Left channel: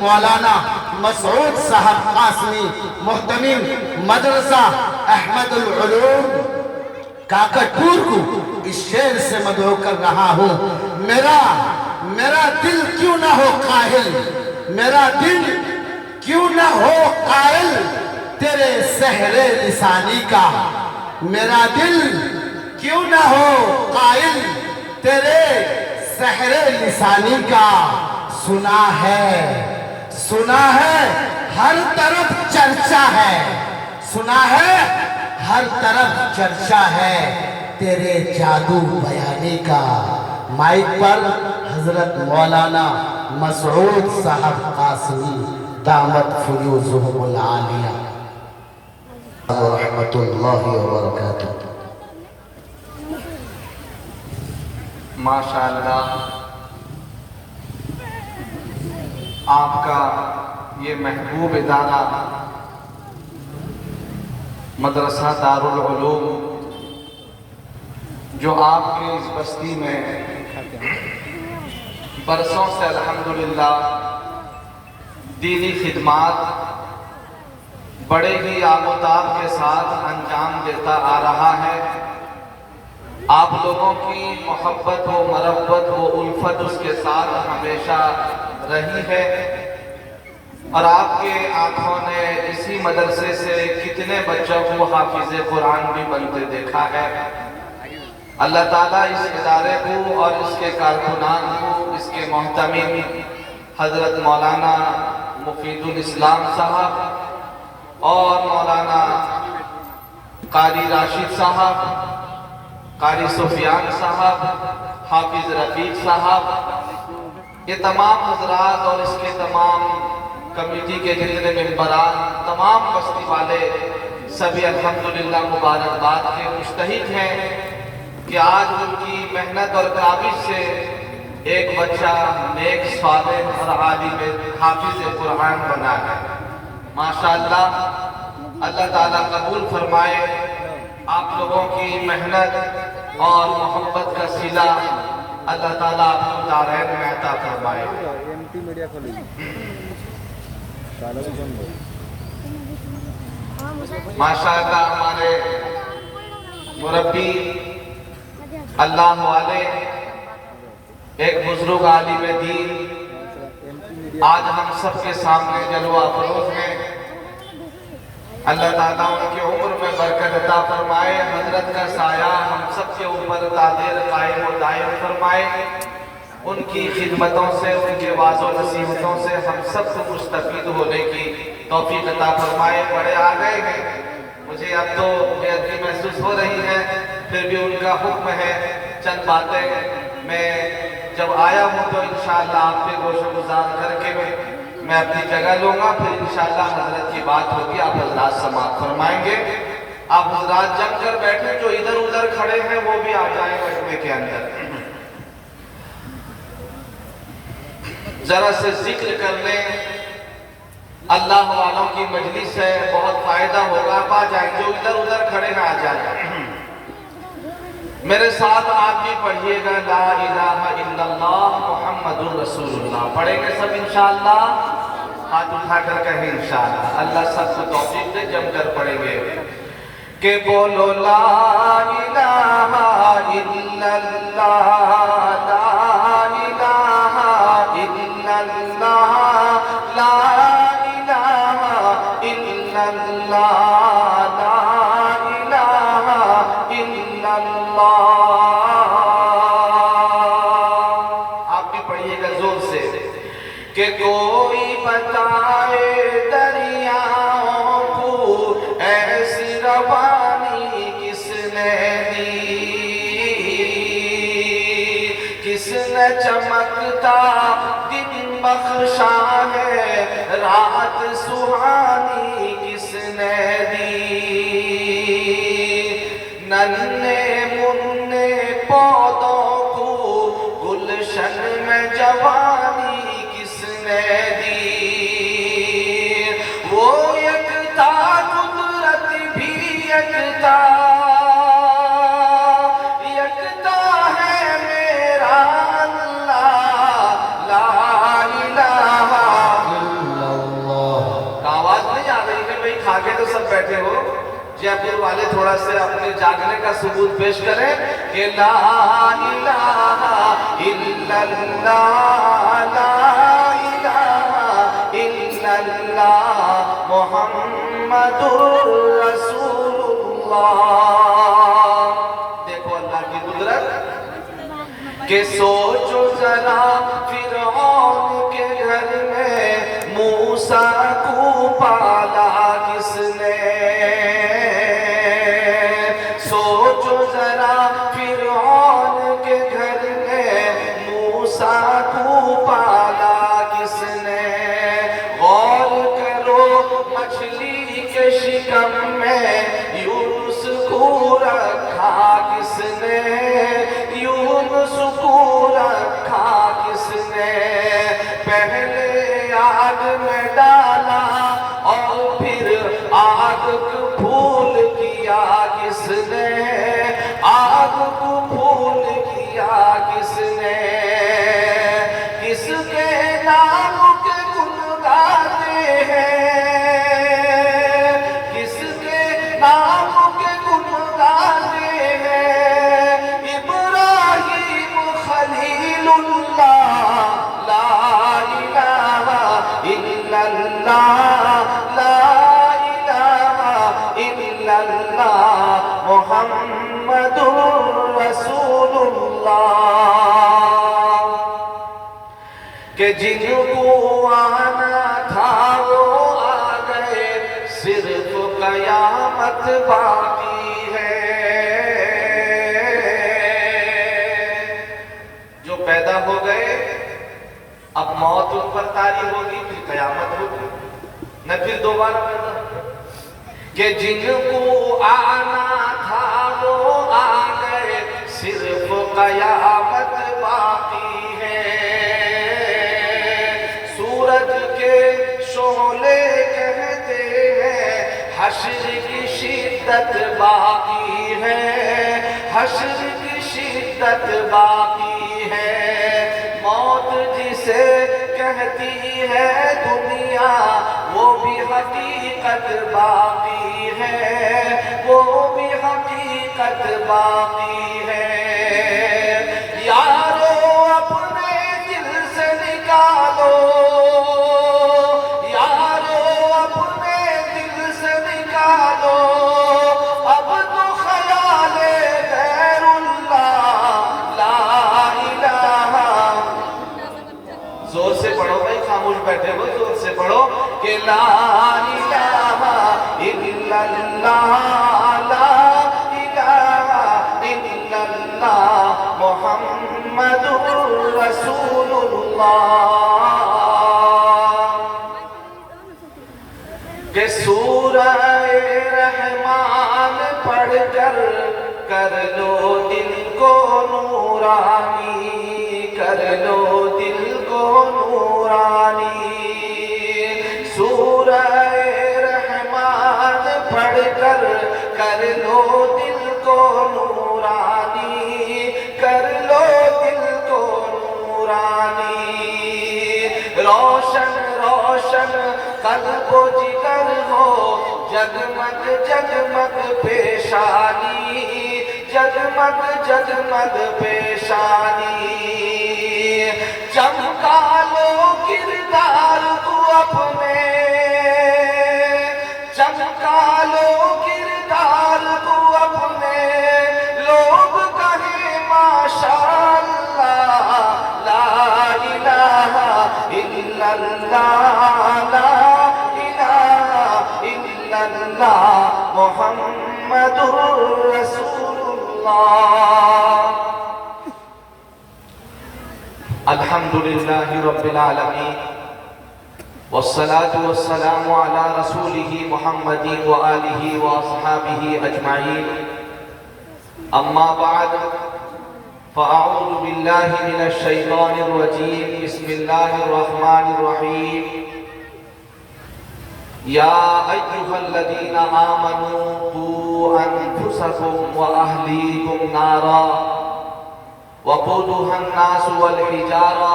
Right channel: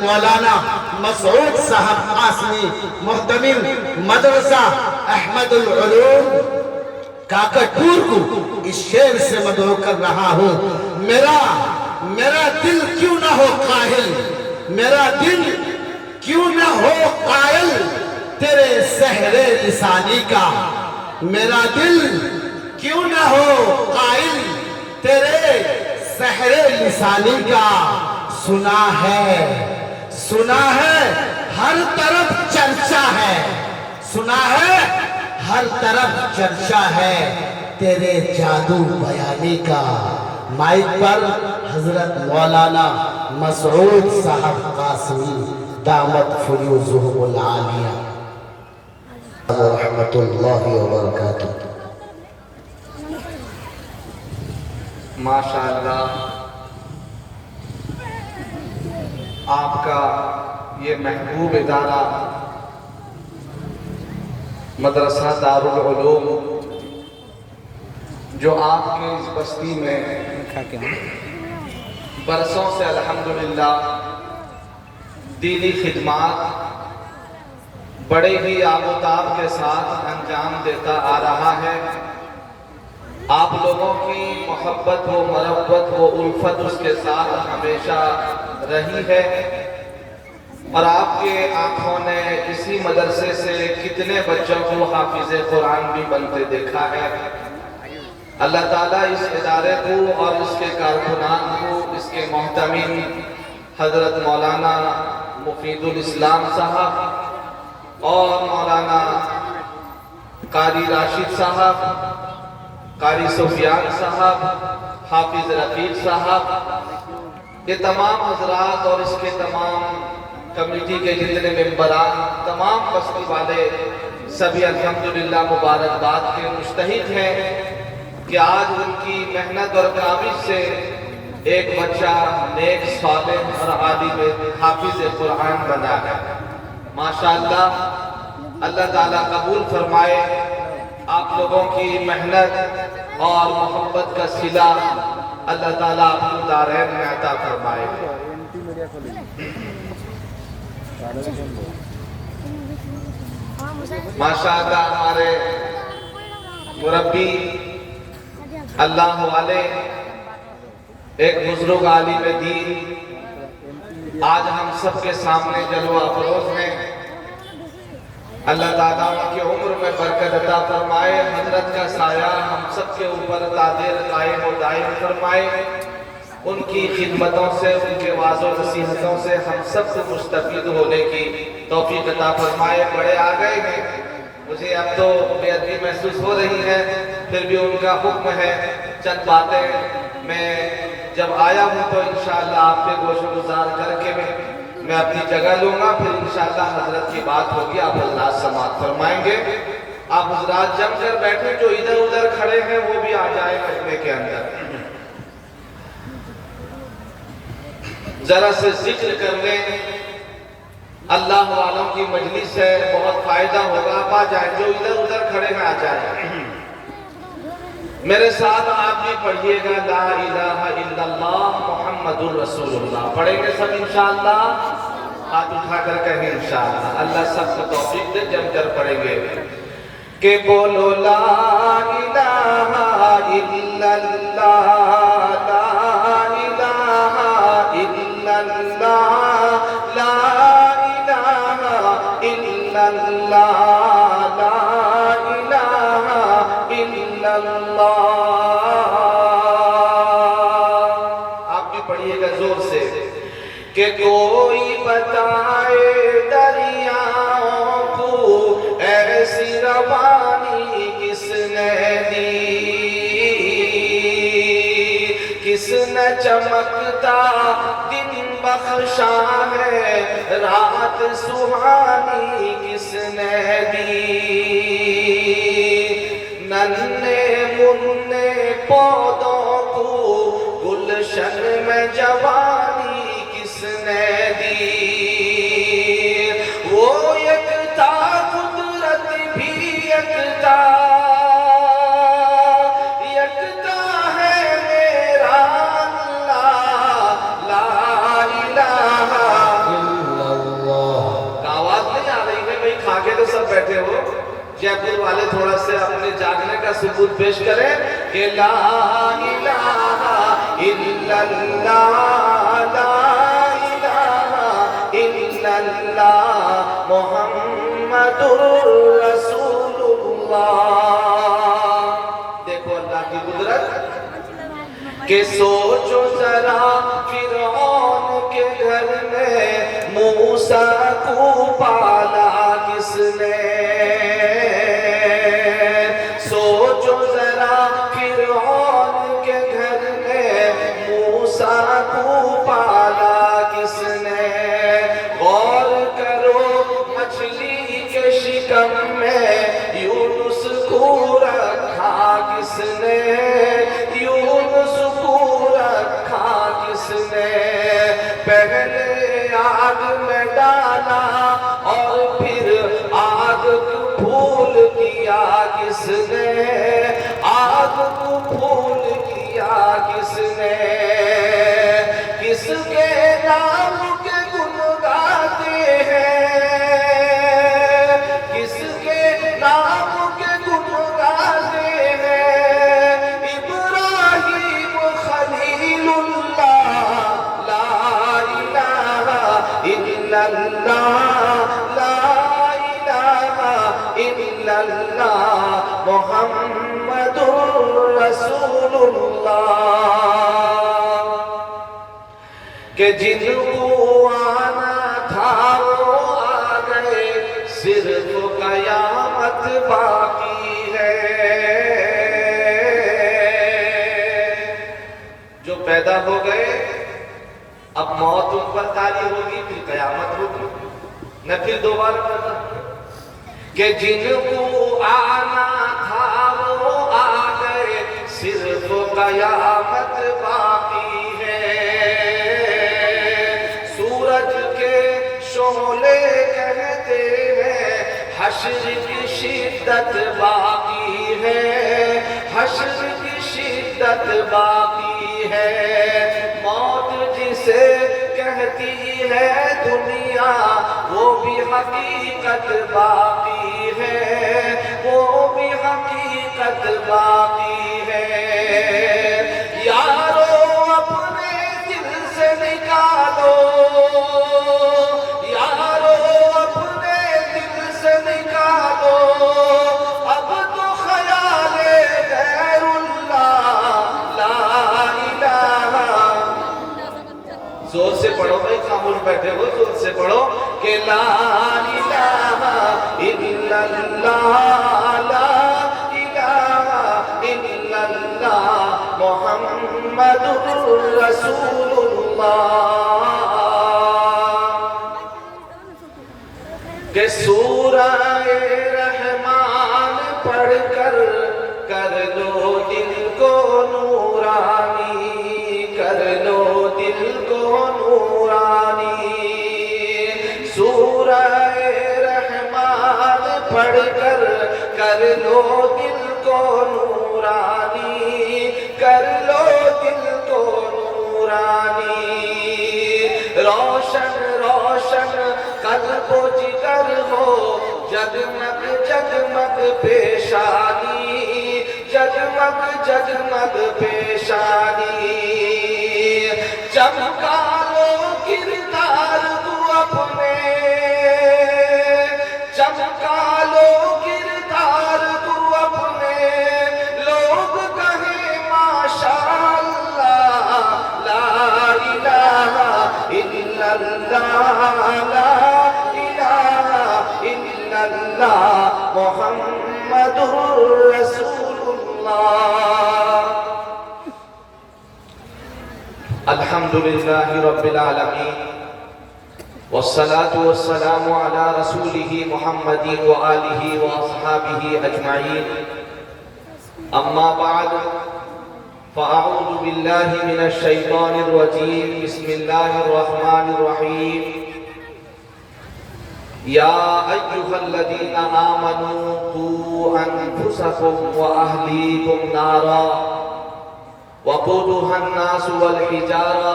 مولانا مسعود صاحب قاسمی محتمم مدرسہ احمد العلوم کاکٹپور کو اس شعر سے مدعو کر رہا ہوں۔ میرا دل کیوں نہ ہو قائل، میرا دل کیوں نہ ہو قائل تیرے سحر لسانی کا، میرا دل کیوں نہ ہو قائل تیرے سحر لسانی کا۔ سنا ہے ہر طرف چرچا ہے، سنا ہے ہر طرف چرچا ہے تیرے جادو بیانی کا۔ مائک پر حضرت مولانا مسعود صاحب قاسمی دامت فیوزہم العالیہ رحمت اللہ وبرکاتہ۔ ماشاءاللہ آپ کا یہ محبوب ادارہ مدرسہ دارالعلوم جو آپ کے اس بستی میں برسوں سے الحمدللہ دینی خدمات بڑے ہی آب و تاب کے ساتھ انجام دیتا آ رہا ہے، آپ لوگوں کی محبت و مربت و الفت اس کے ساتھ ہمیشہ رہی ہے، اور آپ کے آنکھوں نے اسی مدرسے سے کتنے بچوں کو حافظ قرآن بھی بنتے دیکھا ہے۔ اللہ تعالیٰ اس ادارے کو اور اس کے کارکنان کو، اس کے محتمم حضرت مولانا مفید الاسلام صاحب اور مولانا قاری راشد صاحب، قاری سفیان صاحب، حافظ رفیق صاحب، یہ تمام حضرات اور اس کے تمام کمیٹی کے جتنے ممبران، تمام بستی والے سبھی الحمدللہ مبارکباد کے مستحق ہیں کہ آج ان کی محنت اور کاوش سے ایک بچہ نیک صالح اور عالم حافظ قرآن بنا ہے۔ ماشاءاللہ اللہ تعالیٰ قبول فرمائے آپ لوگوں کی محنت اور محبت کا صلہ، اللہ تعالیٰ آپ کو دارین میں عطا فرمائے۔ ماشاءاللہ ہمارے مربی اللہ والے ایک بزرگ عالم دین آج ہم سب کے سامنے جلوہ افروز ہیں، اللہ تعالیٰ ان کی عمر میں برکت عطا فرمائے، حضرت کا سایہ ہم سب کے اوپر دائر قائم و دائم فرمائے، ان کی خدمتوں سے، ان کے واعظ و نصیحتوں سے ہم سب کو مستفید ہونے کی توفیق عطا فرمائے۔ بڑے آ گئے ہیں، مجھے اب تو بے ادبی محسوس ہو رہی ہے، پھر بھی ان کا حکم ہے، چند باتیں میں جب آیا ہوں تو انشاءاللہ آپ کے گوش گزار کر کے میں اپنی جگہ لوں گا، پھر انشاءاللہ حضرت کی بات ہوگی، آپ حضرات سماعت فرمائیں گے۔ آپ حضرات جم کر بیٹھے، جو ادھر ادھر کھڑے ہیں وہ بھی آ جائیں خطبے کے اندر، ذرا سے ذکر کر لیں، اللہ والوں کی مجلس ہے، بہت فائدہ ہوگا، آپ آ جائیں، جو ادھر ادھر کھڑے ہیں آ جائیں۔ میرے ساتھ آپ بھی پڑھیے گا لا الہ الا اللہ محمد الرسول اللہ، پڑھیں گے سب انشاءاللہ، ہاتھ اٹھا کر کہیں انشاءاللہ، اللہ سب کو توفیق دے، جم کر پڑھیں گے کہ بولو لا الہ الا اللہ، لا الہ الا اللہ، لا الہ الا اللہ، لا الہ الا اللہ۔ آپ بھی پڑھیے گا زور سے کہ کوئی بتائے دریاؤں کو ایسی روانی کس نے دی، کس نے چمکتا دن بخشا ہے، رات سہانی کس نے دی، ننھے منھے پودوں کو گلشن میں جوانی کس نے دی، وہ یکتا قدرت بھی یکتا، یکتا ہے میرا اللہ، لا الہ جے پور والے تھوڑا سے اپنے جاگنے کا ثبوت پیش کریں کہ لا الہ الا اللہ لا الہ الا اللہ محمد رسول اللہ۔ دیکھو اللہ کی قدرت کہ سوچو ذرا فرعون کے گھر میں موسیٰ کو پالا کس نے، سوچو ذرا فرعون کے گھر میں موسیٰ کو پالا کس نے، غور کرو مچھلی کے شکم میں یونس کو رکھا کس نے، یونس کو رکھا کس نے، پہلے آگ میں ڈالا اور پھر آگ کو پھول کیا کس نے، آگ کو پھول کیا کس نے، کس کے نام کے گن گاتے ہیں، کس کے نام کے گن گاتے ہیں، ابراہیم خلیل اللہ لا الہ الا اللہ لا الہ الا اللہ محمد رسول اللہ، کہ جن کو آنا تھا وہ آ گئے صرف قیامت باقی ہے، جو پیدا ہو گئے اب موت ان پر طاری ہوگی پھر قیامت ہوگی نہ پھر دوبارہ پیدا کہ جن کو آنا تھا وہ آ گئے صرف قیامت باقی ہے، سورج کے شعلے کہتے ہیں حشر کی شدت باقی ہے، حشر کی شدت باقی ہے، موت جسے کہتی ہے دنیا وہ بھی حقیقت باقی ہے، وہ بھی حقیقت باقی ہے، یارو اپنے دل سے نکالو، یارو اپنے دل سے نکالو اب تو خیال غیر اللہ لا الہ، زور سے پڑھو بھائی، خاموش بیٹھے ہو زور سے پڑھو کہ لا الہ الا اللہ لا الہ الا اللہ محمد رسول اللہ، کہ سورہ رحمان پڑھ کر لو دل کو نورانی، کر لو دل کو نورانی، سورہ رحمان پڑھ کر لو دل کو نورانی، کر لو دل کو نورانی، روشن روشن قلب و جگر ہو جگمگ جگمگ پیشانی، جگمگ جگمگ پیشانی، چمکا لو کردار کو اپنے، چمکا لو کردار کو اپنے، لوگ کہیں ماشاءاللہ لا الہ الا اللہ لا الہ الا اللہ محمد رسول اللہ۔ الحمدللہ رب العالمین والصلاة والسلام على رسوله محمد وآلہ واصحابہ اجمعین، اما بعد فاعوذ باللہ من الشیطان الرجیم، بسم اللہ الرحمن الرحیم، یا ایہا الذین آمنوا قوا انفسکم واہلیکم نارا وقودها الناس والحجارة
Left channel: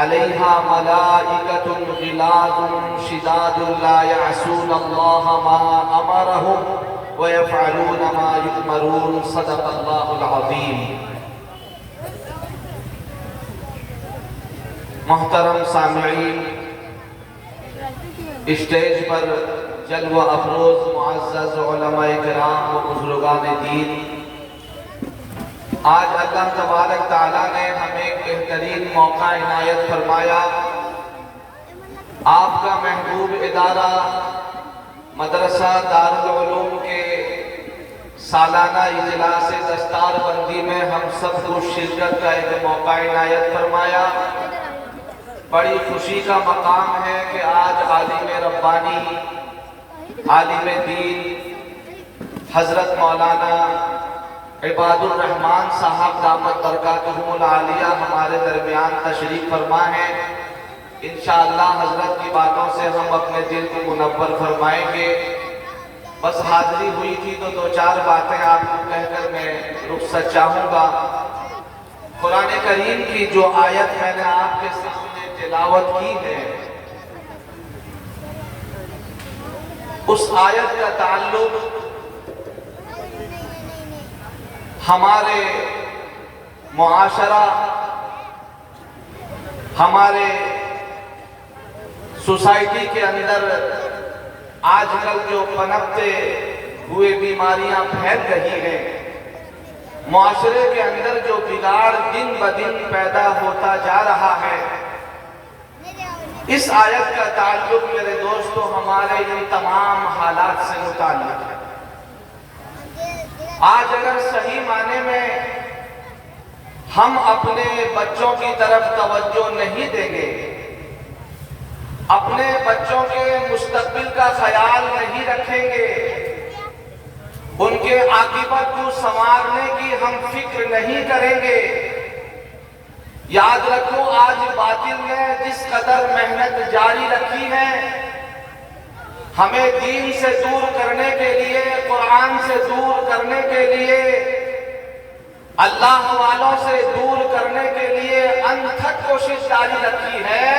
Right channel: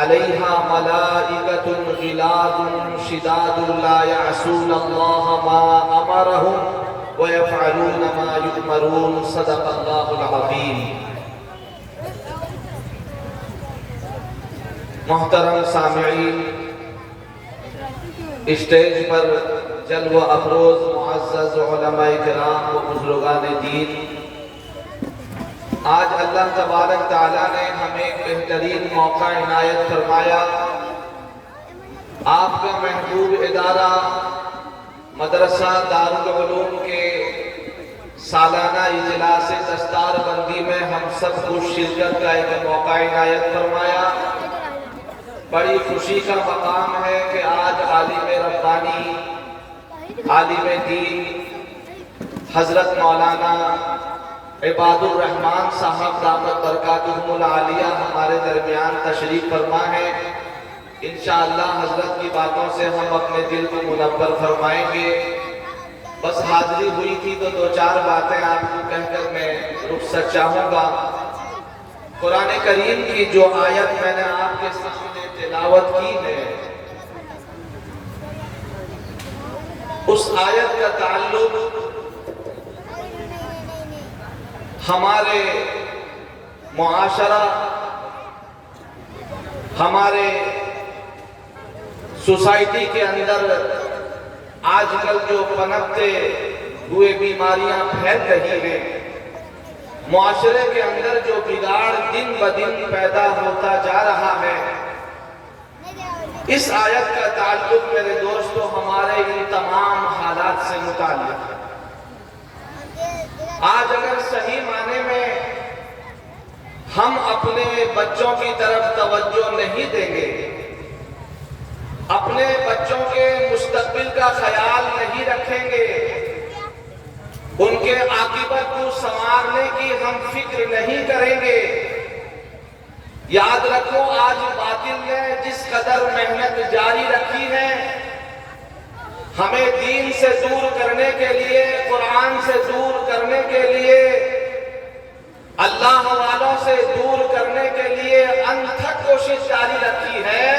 عليها ملائكة غلاظ شداد لا يعصون الله ما أمرهم وَيَفْعَلُونَ مَا يُؤْمَرُونَ صدق اللہ العظیم۔ محترم سامعین، اسٹیج پر جلوہ افروز معزز علماء کرام و بزرگان دین، آج اللہ تبارک تعالیٰ نے ہمیں ایک بہترین موقع عنایت فرمایا۔ آپ کا محبوب ادارہ مدرسہ دارالعلوم کے سالانہ اجلاس دستار بندی میں ہم سب کو شرکت کا ایک موقع عنایت فرمایا۔ بڑی خوشی کا مقام ہے کہ آج عالم ربانی، عالم دین حضرت مولانا عباد الرحمن صاحب دامت برکاتہم العالیہ ہمارے درمیان تشریف فرما ہے۔ انشاءاللہ حضرت کی باتوں سے ہم اپنے دل کو منور فرمائیں گے۔ بس حاضری ہوئی تھی تو دو چار باتیں آپ کو کہہ کر میں رخصت چاہوں گا۔ قرآن کریم کی جو آیت میں نے آپ کے سامنے تلاوت کی ہے، اس آیت کا تعلق ہمارے معاشرہ، ہمارے سوسائٹی کے اندر آج کل جو پنپتے ہوئے بیماریاں پھیل رہی ہیں، معاشرے کے اندر جو بگاڑ دن بدن پیدا ہوتا جا رہا ہے، اس آیت کا تعلق میرے دوستو ہمارے ان تمام حالات سے متعلق ہے۔ آج اگر صحیح معنی میں ہم اپنے بچوں کی طرف توجہ نہیں دیں گے، اپنے بچوں کے مستقبل کا خیال نہیں رکھیں گے، ان کے عاقبت کو سنوارنے کی ہم فکر نہیں کریں گے، یاد رکھو آج باطل نے جس قدر محنت جاری رکھی ہے ہمیں دین سے دور کرنے کے لیے، قرآن سے دور کرنے کے لیے، اللہ والوں سے دور کرنے کے لیے انتھک کوشش جاری رکھی ہے،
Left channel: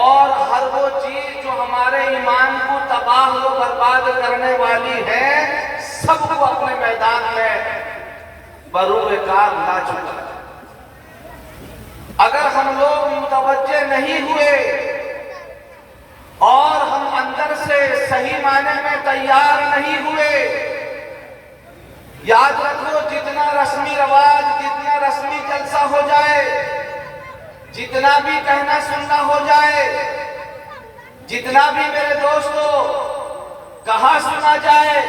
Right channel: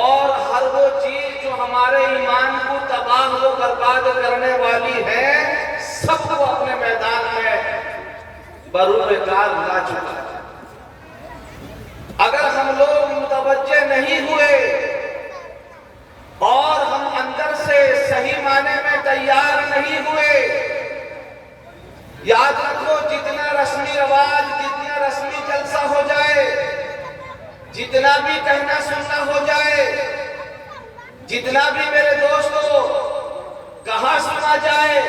اور ہر وہ چیز جو ہمارے ایمان کو تباہ و برباد کرنے والی ہے سب کو اپنے میدان میں بروئے کار لا چکا ہے۔ اگر ہم لوگ متوجہ نہیں ہوئے اور ہم اندر سے صحیح معنی میں تیار نہیں ہوئے، یاد رکھو جتنا رسمی رواج، جتنا رسمی جلسہ ہو جائے، جتنا بھی کہنا سننا ہو جائے، جتنا بھی میرے دوستو کہا سنا جائے،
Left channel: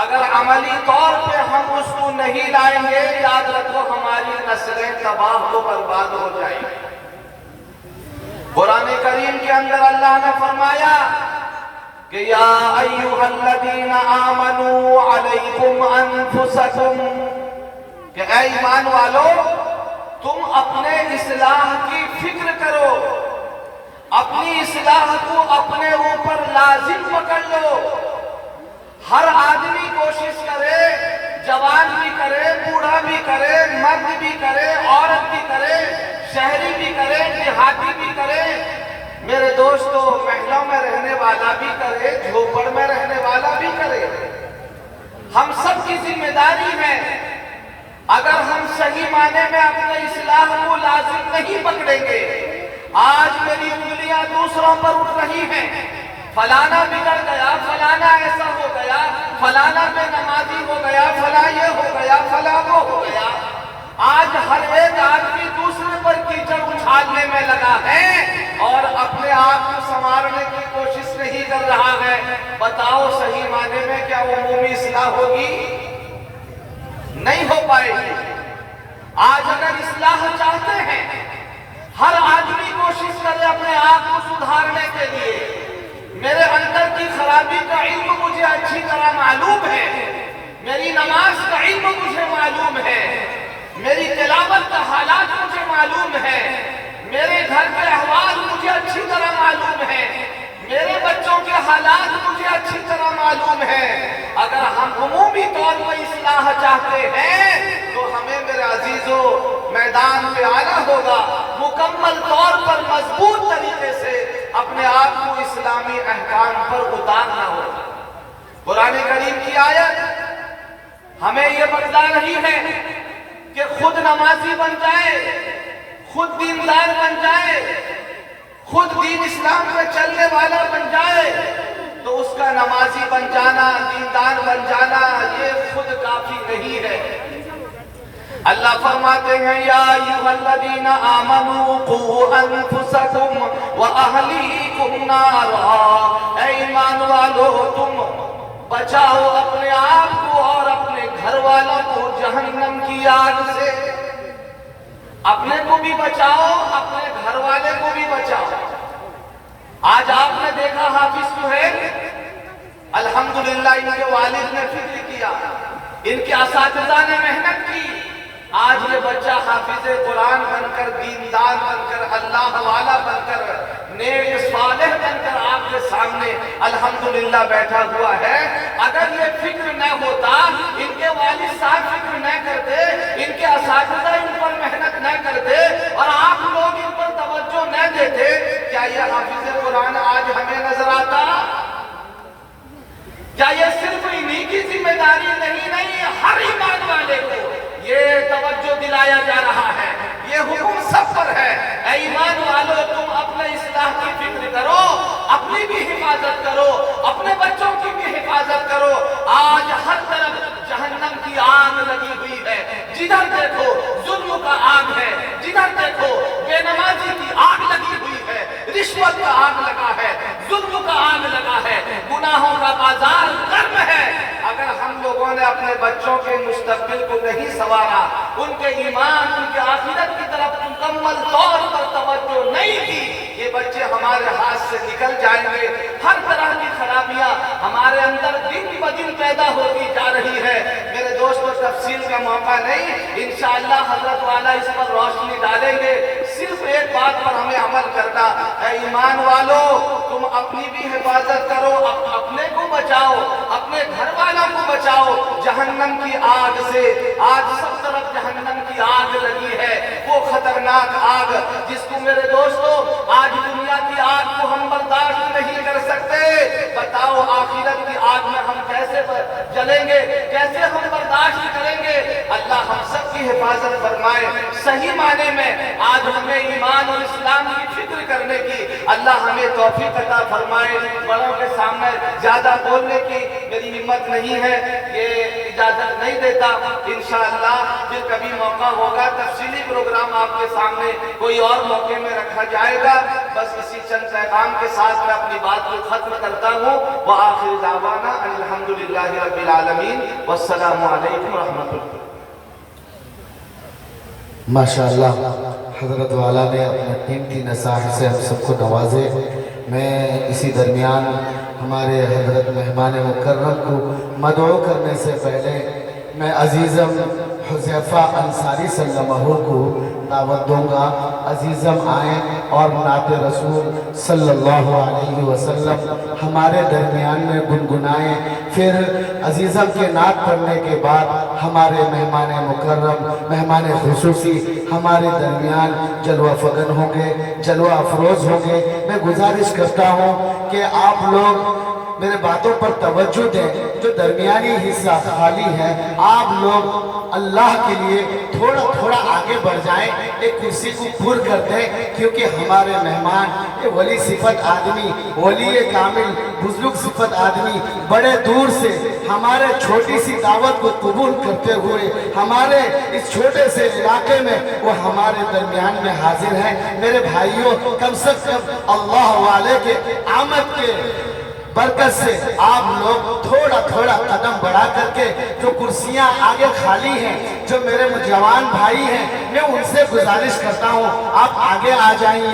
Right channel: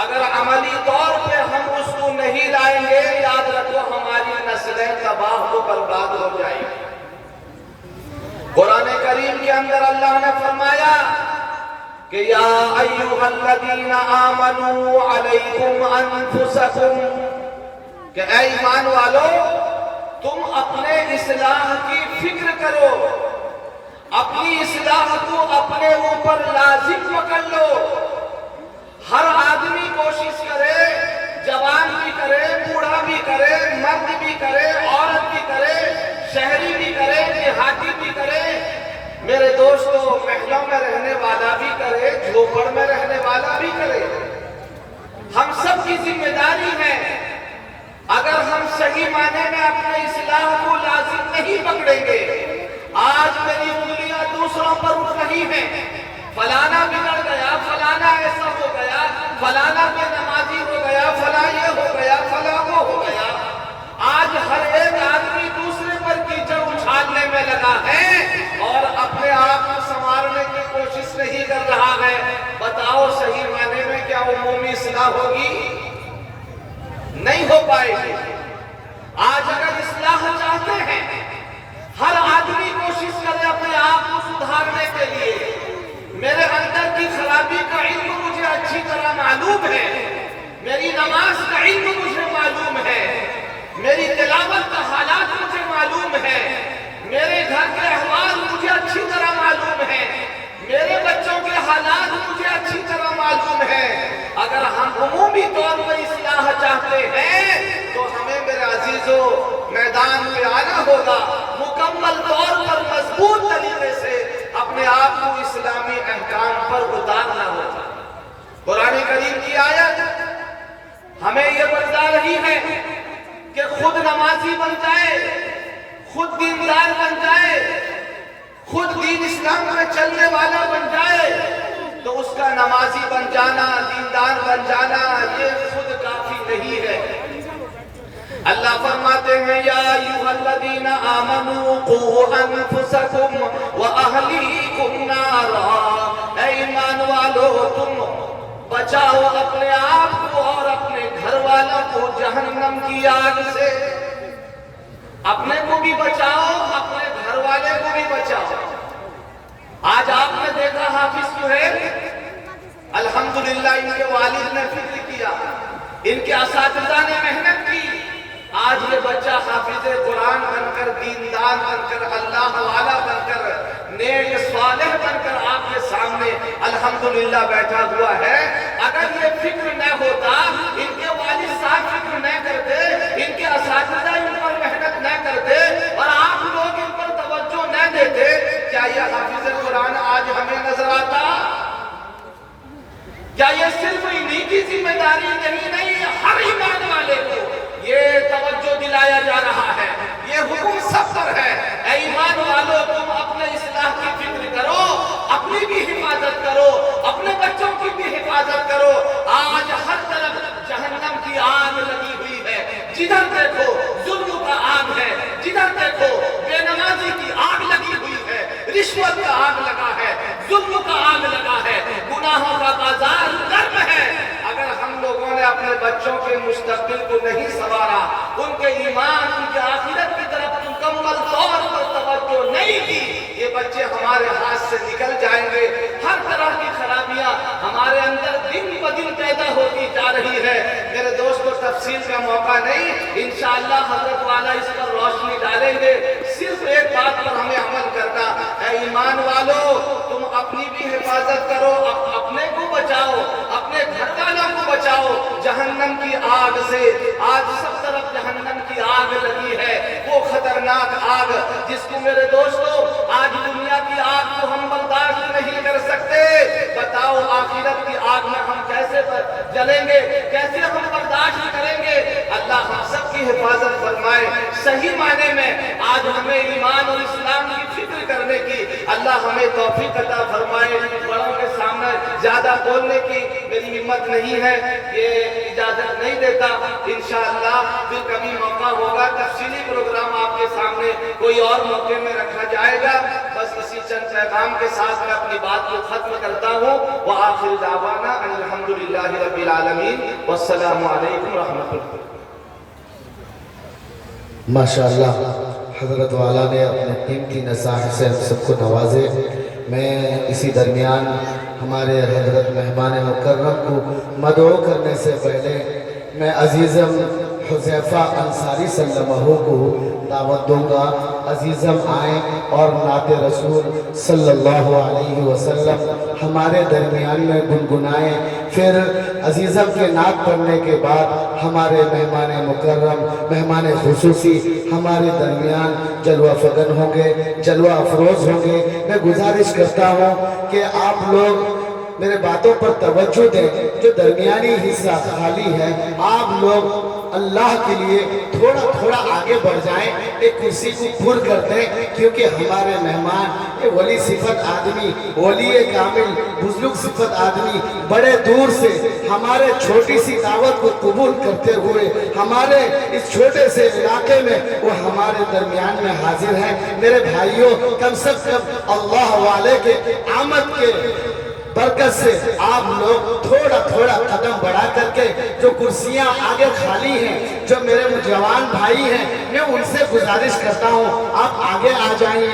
اگر عملی طور پہ ہم اس کو نہیں لائیں گے، یاد رکھو ہماری نسلیں تباہ و برباد ہو جائیں گی۔ قرآن کریم کے اندر اللہ نے فرمایا کہ یا ایھا الذین آمنوا علیکم انفسکم، کہ اے ایمان والو تم اپنے اصلاح کی فکر کرو، اپنی اصلاح کو اپنے اوپر لازم پکڑ لو۔ ہر آدمی کوشش کرے، جوان بھی کرے، بوڑھا بھی کرے، مرد بھی کرے، عورت بھی کرے، شہری بھی کرے، دیہاتی بھی کرے، میرے دوستو محلوں میں رہنے والا بھی کرے، جھوپڑ میں رہنے والا بھی کرے، ہم سب کی ذمہ داری ہے۔ اگر ہم صحیح معنی میں اپنے اصلاح کو لازم نہیں پکڑیں گے، آج میری انگلیاں دوسروں پر اٹھ رہی ہیں، فلانا بگڑ گیا، فلانا ایسا ہو گیا، فلانا بے نمازی ہو گیا، فلاں یہ ہو گیا، فلاں وہ ہو گیا۔ آج ہر ایک آدمی دوسرے پر کیچڑ اچھالنے میں لگا ہے اور اپنے آپ کو سنوارنے کی کوشش نہیں کر رہا ہے۔ بتاؤ صحیح معنی میں کیا عمومی اصلاح ہوگی؟ نہیں ہو پائے گی۔ آج اگر اصلاح چاہتے ہیں، ہر آدمی کوشش کرے اپنے آپ کو سدھارنے کے لیے۔ میرے اندر کی خرابی کا علم مجھے اچھی طرح معلوم ہے، میری نماز کا علم مجھے معلوم ہے، میری تلاوت کا حالات مجھے معلوم ہے، میرے گھر کے احوال مجھے اچھی طرح معلوم ہے، میرے بچوں کے حالات مجھے اچھی طرح معلوم ہے۔ اگر ہم عمومی طور پر اصلاح چاہتے ہیں تو ہمیں میرے عزیزو میدان پہ آنا ہوگا، مکمل طور پر مضبوط طریقے سے اپنے آپ کو اسلامی احکام پر اتارنا ہوگا۔ قرآن کریم کی آیت ہمیں یہ بتلا رہی ہے کہ خود نمازی بن جائے، خود دیندار بن جائے، خود دین اسلام میں چلنے والا بن جائے تو اس کا نمازی بن جانا، دیندار بن جانا یہ خود کافی نہیں ہے۔ اللہ فرماتے ہیں یا ایھا الذین آمنوا قوا انفسکم واہلیکم نارا، اے ایمان والو تم بچاؤ اپنے آپ کو اور اپنے گھر والوں کو جہنم کی آگ سے۔ اپنے کو بھی بچاؤ، اپنے گھر والے کو بھی بچاؤ۔ آج آپ نے دیکھا حافظ سہیل، الحمدللہ ان کے والد نے فکر کیا، ان کے اساتذہ نے محنت کی، آج یہ بچہ حافظ قرآن بن کر، دیندار بن کر، اللہ والا بن کر، نیک صالح بن کر آپ کے سامنے الحمدللہ بیٹھا ہوا ہے۔ اگر یہ فکر نہ ہوتا، ان کے والد صاحب فکر نہ کرتے، ان کے اساتذہ ان پر محنت نہ کرتے اور آپ لوگ ان پر توجہ نہ دیتے، کیا یہ حافظ قرآن آج ہمیں نظر آتا؟ کیا یہ صرف انہی کی ذمہ داری نہیں، ہر ایمان والے کو یہ توجہ دلایا جا رہا ہے، یہ حکم سب پر ہے۔ اے ایمان والو تم اپنے اصلاح کی فکر کرو، اپنی بھی حفاظت کرو، اپنے بچوں کی بھی حفاظت کرو۔ آج ہر طرف جہنم کی آگ لگی ہوئی ہے، جدھر دیکھو ظلم کا آگ ہے، جدھر دیکھو بے نمازی کی آگ لگی ہوئی ہے، رشوت کا آگ لگا ہے، ظلم کا آگ لگا ہے، گناہوں کا بازار گرم ہے۔ اگر ہم لوگوں نے اپنے بچوں کے مستقبل کو نہیں سنوارا، ان کے ایمان، ان کے آخرت کی طرف مکمل طور پر توجہ نہیں کی، یہ بچے ہمارے ہاتھ سے نکل جائیں گے۔ ہر طرح کی خرابیاں ہمارے اندر دن بدن پیدا ہوتی جا رہی ہے۔ میرے دوستو تفصیل کا موقع نہیں، انشاءاللہ حضرت والا اس پر روشنی ڈالیں گے۔ صرف ایک بات پر ہمیں عمل کرنا، اے ایمان والو تم اپنی بھی حفاظت کرو، اپنے کو بچاؤ، اپنے گھر والوں کو بچاؤ جہنم کی آگ سے۔ آج سب طرف جہنم کی آگ لگی ہے، وہ خطرناک آگ جس کو میرے دوستو آج دنیا کی آگ کو ہم برداشت نہیں کر سکتے، بتاؤ آخرت کی آگ میں ہم کیسے جلیں گے، کیسے ہم برداشت کریں گے؟ اللہ ہم سب کی حفاظت فرمائے۔ صحیح معنی میں آج ہمیں ایمان اور اسلام کی فکر کرنے کی اللہ ہمیں توفیق عطا فرمائے۔ بڑوں کے سامنے زیادہ بولنے کی میری ہمت نہیں ہے، یہ اجازت نہیں دیتا۔ انشاءاللہ پھر کبھی موقع ہوگا، تفصیلی پروگرام آپ کے سامنے کوئی اور موقع میں رکھا جائے گا۔ بس اسی چند پیغام کے ساتھ میں اپنی بات کو ختم کرتا ہوں۔ وآخر دعوانا ان الحمدللہ رب العالمین والسلام علیکم ورحمۃ اللہ۔ ماشاءاللہ حضرت والا نے اپنے قیمتی نصائح سے ہم سب کو نوازے۔ میں اسی درمیان ہمارے حضرت مہمان مکرم کو مدعو کرنے سے پہلے میں عزیزم حذیفہ انصاری صلی اللہ علیہ وسلم کو دعوت دوں گا۔ عزیزم آئیں اور نعت رسول صلی اللہ علیہ وسلم ہمارے درمیان میں گنگنائیں۔ پھر عزیزم کے نعت پڑھنے کے بعد ہمارے مہمان مکرم، مہمان خصوصی ہمارے درمیان جلوہ فگن ہوں گے، جلوہ افروز ہوں گے۔ میں گزارش کرتا ہوں کہ آپ لوگ میرے باتوں پر توجہ دیں، جو درمیانی حصہ خالی ہے آپ لوگ اللہ کے لیے تھوڑا تھوڑا آگے بڑھ جائیں، ایک کرسی کو پر کر دیں، کیونکہ ہمارے مہمان یہ ولی صفت آدمی، ولی کامل بزرگ صفت آدمی بڑے دور سے ہمارے چھوٹی سی دعوت کو قبول کرتے ہوئے ہمارے اس چھوٹے سے علاقے میں وہ ہمارے درمیان میں حاضر ہیں۔ میرے بھائیوں کم سے کم اللہ والے کے آمد کے برکت سے آپ لوگ تھوڑا تھوڑا قدم بڑھا کر کے جو کرسیاں آگے خالی ہیں، جو میرے جوان بھائی ہیں، میں ان سے گزارش کرتا ہوں آپ آگے آ جائیں۔